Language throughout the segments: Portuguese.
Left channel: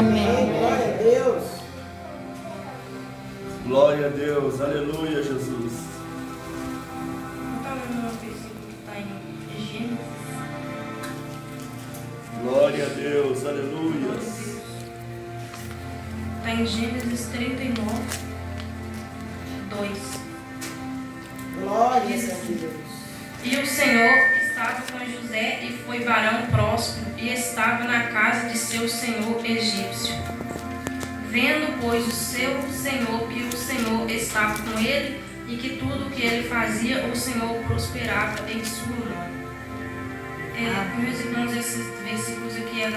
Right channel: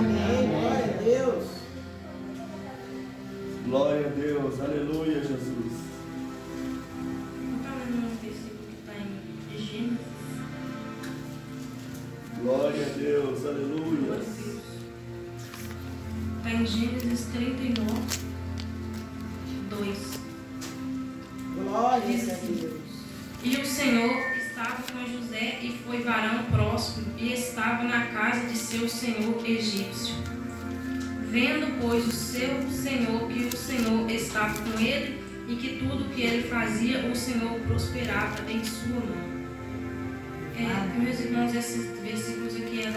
Amém. Glória a Deus. Glória a Deus. Aleluia, Jesus. Está no versículo que está em Gênesis. Glória a Deus. Aleluia. Está em Gênesis 39, 2. Glória a Deus. E o Senhor estava com José e foi varão próspero e estava na casa de seu senhor egípcio. Vendo, pois, o seu senhor que o Senhor estava com ele e que tudo que ele fazia, o Senhor prosperava em sua mão. Meus irmãos, esses versículos aqui é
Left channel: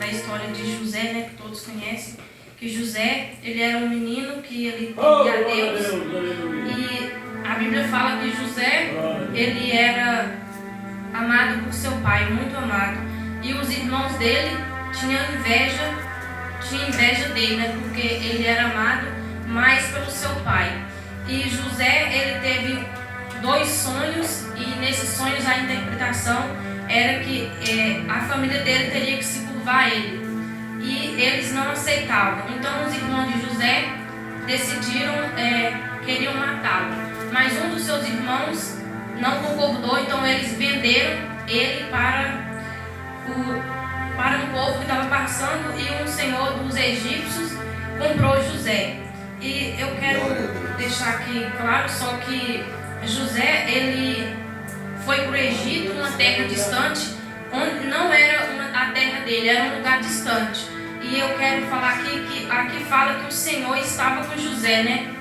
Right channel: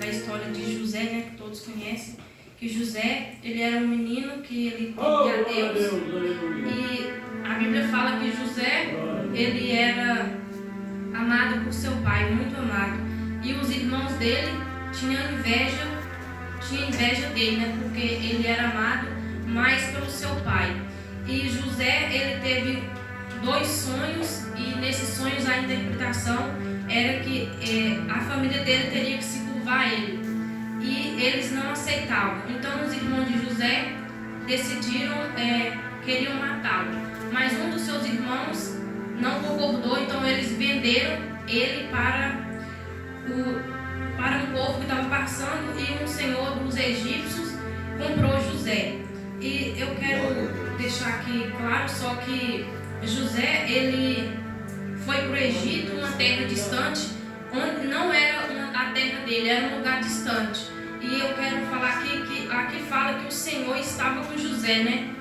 da história de José, né, que todos conhecem. Que José, ele era um menino que ele temia a Deus. E a Bíblia fala que José, ele era amado por seu pai, muito amado. E os irmãos dele tinham inveja dele, né? Porque ele era amado mais pelo seu pai. E José, ele teve 2 sonhos, e nesses sonhos a interpretação era que a família dele teria que se curvar a ele. E eles não aceitavam. Então os irmãos de José decidiram, queriam matá-lo. Mas um dos seus irmãos não concordou, então eles venderam ele para um povo que estava passando, e um senhor dos egípcios comprou José. E eu quero deixar aqui claro só que José, ele foi para o Egito, uma terra distante, onde não era a terra dele, era um lugar distante. E eu quero falar aqui que aqui fala que o Senhor estava com José, né?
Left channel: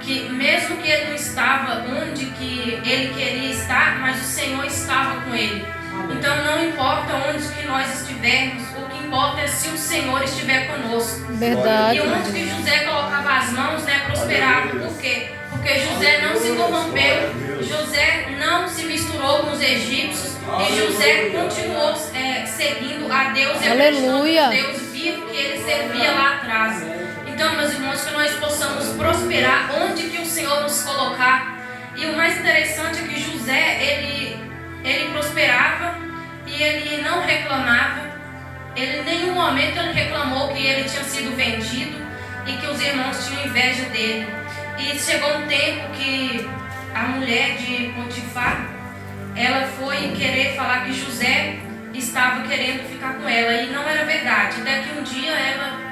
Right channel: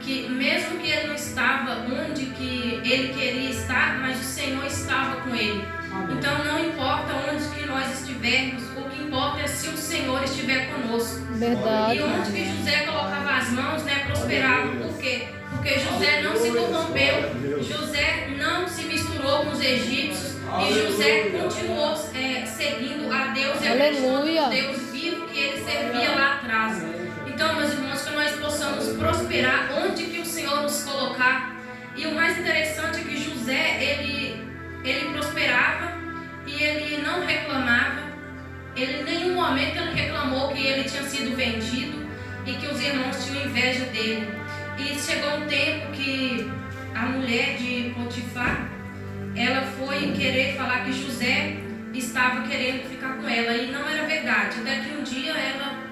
Que mesmo que ele não estava onde que ele queria estar, mas o Senhor estava com ele. Então não importa onde que nós estivermos, o que importa é se o Senhor estiver conosco. Verdade. E onde que José colocava as mãos, né, prosperava. Por quê? Porque José não se corrompeu, José não se misturou com os egípcios, e José continuou seguindo a Deus e acreditando no Deus vivo que ele servia lá atrás. Então, meus irmãos, que nós possamos prosperar onde que o Senhor nos colocar. E o mais interessante é que José, ele prosperava e ele não reclamava. Ele em nenhum momento ele reclamou que ele tinha sido vendido e que os irmãos tinham inveja dele. E chegou um tempo que a mulher de Potifar, ela foi querer falar que José estava querendo ficar com ela, e não era verdade. Daqui um dia ela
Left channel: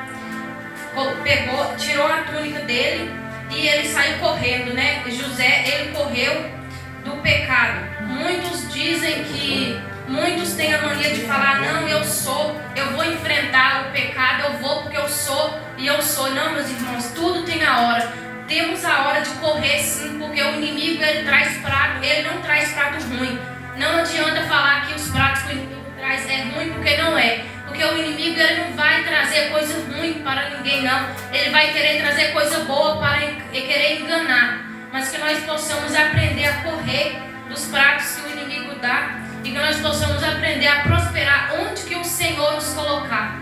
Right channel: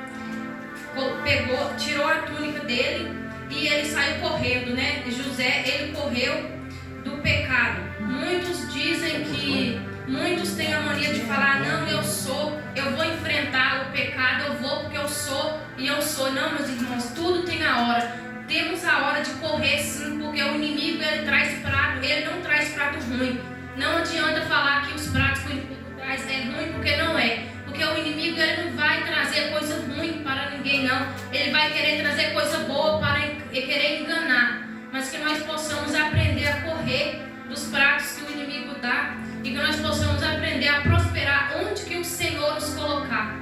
tirou a túnica dele e ele saiu correndo, né? José, ele correu do pecado. Muitos têm a mania de falar: não, eu vou enfrentar o pecado, eu vou porque eu sou e eu sou. Não, meus irmãos, tudo tem a hora. Temos a hora de correr, sim, porque o inimigo, ele traz prato, ele não traz prato ruim. Não adianta falar que os pratos que o inimigo traz é ruim, porque não é. Porque o inimigo, ele não vai trazer coisa ruim para ninguém, não. Ele vai querer trazer coisa boa para querer enganar. Mas que nós possamos aprender a correr dos pratos que o inimigo dá, e que nós possamos aprender a prosperar onde que o Senhor nos colocar.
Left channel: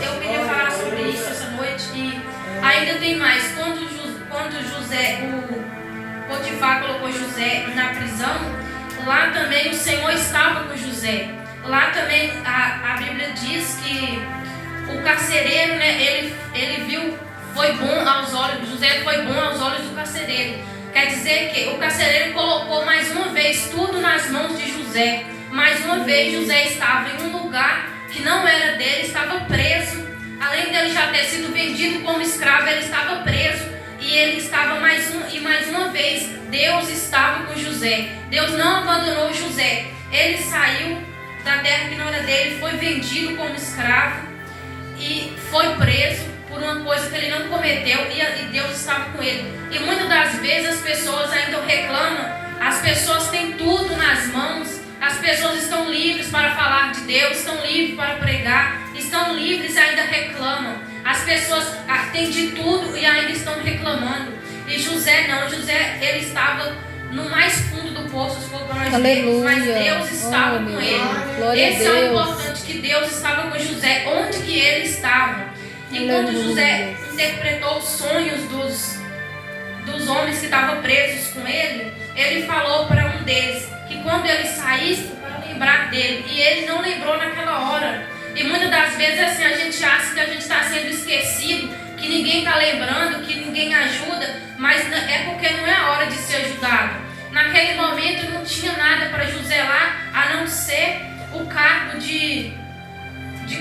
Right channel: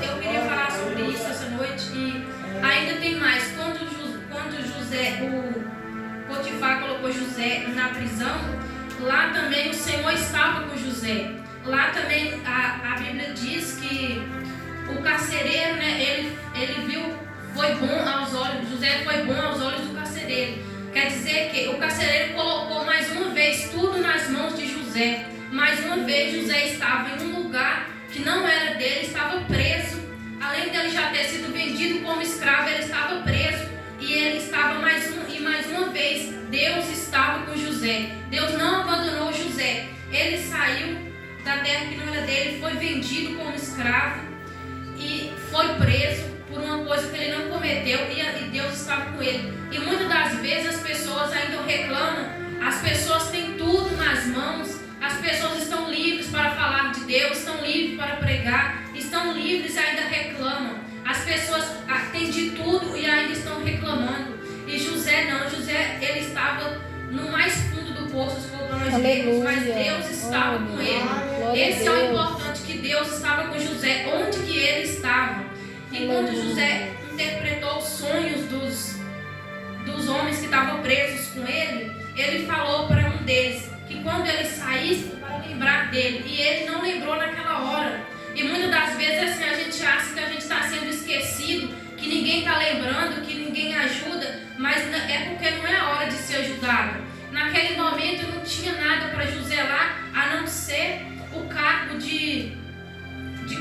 Eu queria falar sobre isso essa noite, e ainda tem mais. Quando José, o Potifar colocou José na prisão, lá também o Senhor estava com José. Lá também a Bíblia diz que o carcereiro, né, ele viu, foi bom aos olhos, José foi bom aos olhos do carcereiro. Quer dizer que o carcereiro colocou mais uma vez tudo nas mãos de José. Mais uma vez José estava em um lugar que não era dele, estava preso. Além dele já ter sido vendido como escravo, ele estava preso. E ele estava mais uma vez, Deus estava com José. Deus não abandonou José. Ele saiu da terra que não era dele, foi vendido como escravo e foi preso por uma coisa que ele não cometeu, e Deus estava com ele. E muitas das vezes as pessoas ainda reclamam. As pessoas têm tudo nas mãos, as pessoas estão livres para falar de Deus, estão livres para pregar, estão livres e ainda reclamam. As pessoas têm de tudo e ainda estão reclamando. E José não, José, ele estava no mais fundo do poço, se for para nós vermos, mas Deus estava com ele. Esse é o importante, que Deus estava com José, onde que ele estava. E quando José interpretou os sonhos dos homens que estavam presos com ele, ele falou para um deles que quando ele saísse, para lembrar dele, e ele não lembrou naquela hora. E muitas das vezes assim, a gente acha que a sendo esquecido, que ninguém está lembrando, que ninguém ajuda, mas é porque não é a hora de ser ajudado. Naquele momento não tinha nada para José lá, a não ser o cargo de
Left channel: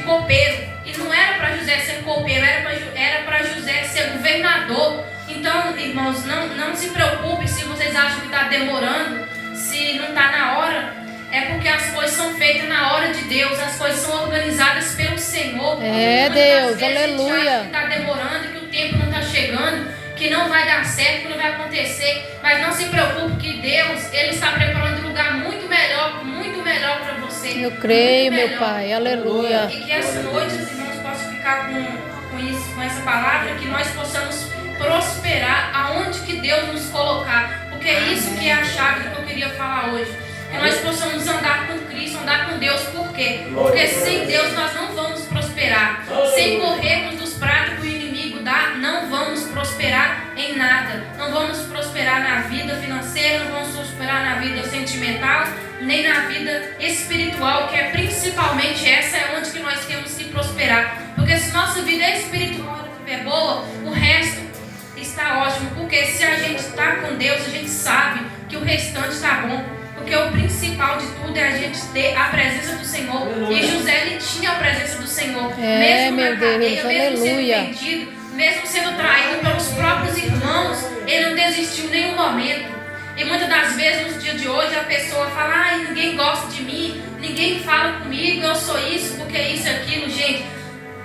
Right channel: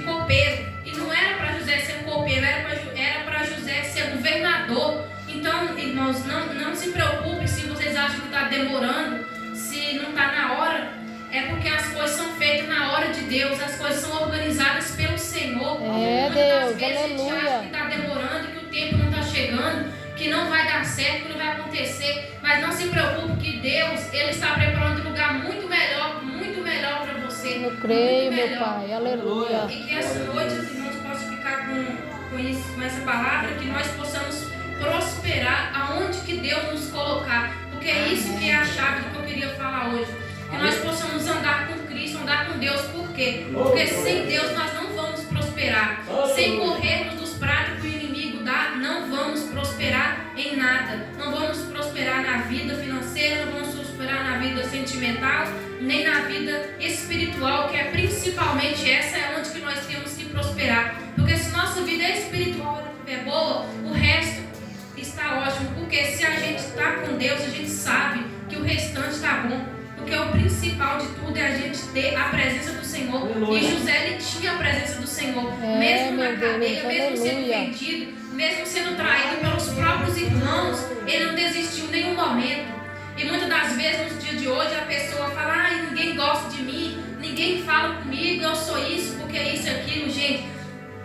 copeiro. E não era para José ser copeiro, era para José ser governador. Então, irmãos, não se preocupe se vocês acham que está demorando, se não está na hora. É porque as coisas são feitas na hora de Deus, as coisas são organizadas pelo Senhor. É, Deus, aleluia. A gente acha que está demorando, que o tempo não está chegando, que não vai dar certo, que não vai acontecer. Mas não se preocupe que Deus, Ele está preparando um lugar muito melhor para você. Eu creio, muito meu melhor. Pai, aleluia. E que essa noite os irmãos possam ficar com essa palavra, que nós possamos prosperar aonde que Deus nos colocar. Porque é isso que é a chave do que eu queria falar hoje. Que nós possamos andar com Cristo, andar com Deus. Por quê? Porque sem Deus nós não vamos prosperar. Sem corrermos dos pratos que o inimigo dá, não vamos prosperar em nada. Não vamos prosperar na vida financeira, não vamos prosperar na vida sentimental, nem na vida espiritual, que é principalmente essa é onde que nós temos que prosperar. Porque se nossa vida espiritual é boa, o resto está ótimo. Porque se a gente está com Deus, a gente sabe que o restante está bom. Porque o principal de tudo é a gente ter a presença do Senhor. E José, ele tinha a presença do Senhor. Mesmo na cadeia, mesmo sendo vendido, mesmo sendo traído pelos próprios irmãos, ele não desistiu em nenhum momento. E muitas das vezes, nos dias de hoje, a pessoa fala: ai, ninguém gosta de mim, ninguém fala comigo, eu sou isso, porque isso e aquilo. Gente,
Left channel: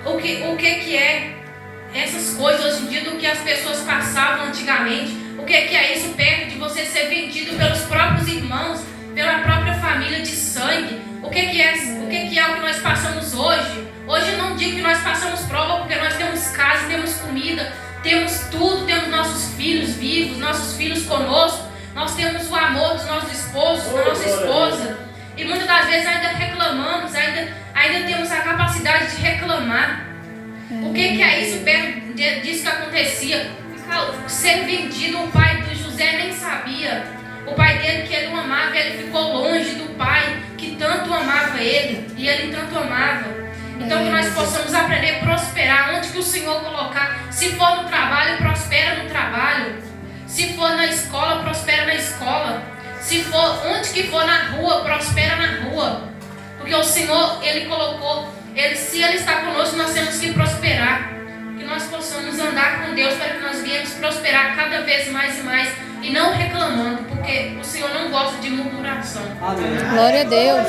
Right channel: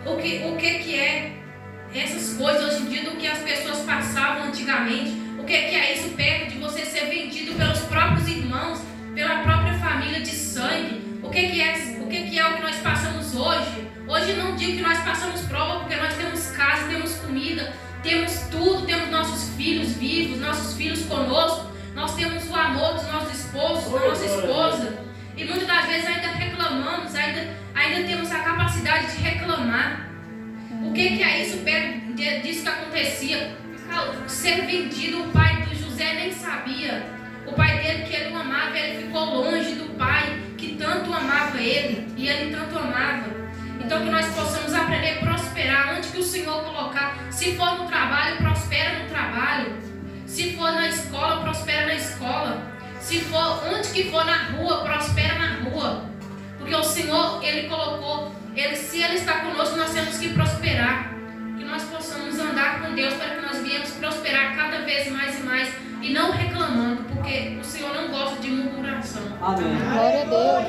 o que é essas coisas hoje em dia do que as pessoas passavam antigamente? O que é isso perto de você ser vendido pelos próprios irmãos, pela própria família de sangue? O que é o que nós passamos hoje? Hoje eu não digo que nós passamos prova, porque nós temos casa, temos comida, temos tudo, temos nossos filhos vivos, nossos filhos conosco, nós temos o amor dos nossos esposos, da nossa esposa. E muitas das vezes ainda reclamamos, ainda temos a capacidade de reclamar. O que é isso perto disso que acontecia? Ser vendido, o pai de José nem sabia. O pai dele, que ele o amava, ele ficou longe do pai que tanto amava ele, e ele tanto amava. Então que nós possamos aprender a prosperar onde que o Senhor colocar. Se for no trabalho, prospera no trabalho. Se for na escola, prospera na escola. Se for onde que for na rua, prospera na rua. Porque o Senhor, Ele colocou, se Ele está conosco, nós temos que prosperar. Que nós possamos andar com Deus para que nós venhamos prosperar cada vez mais e mais. E não reclamando, porque o Senhor não gosta de murmuração. Amém. Glória a Deus.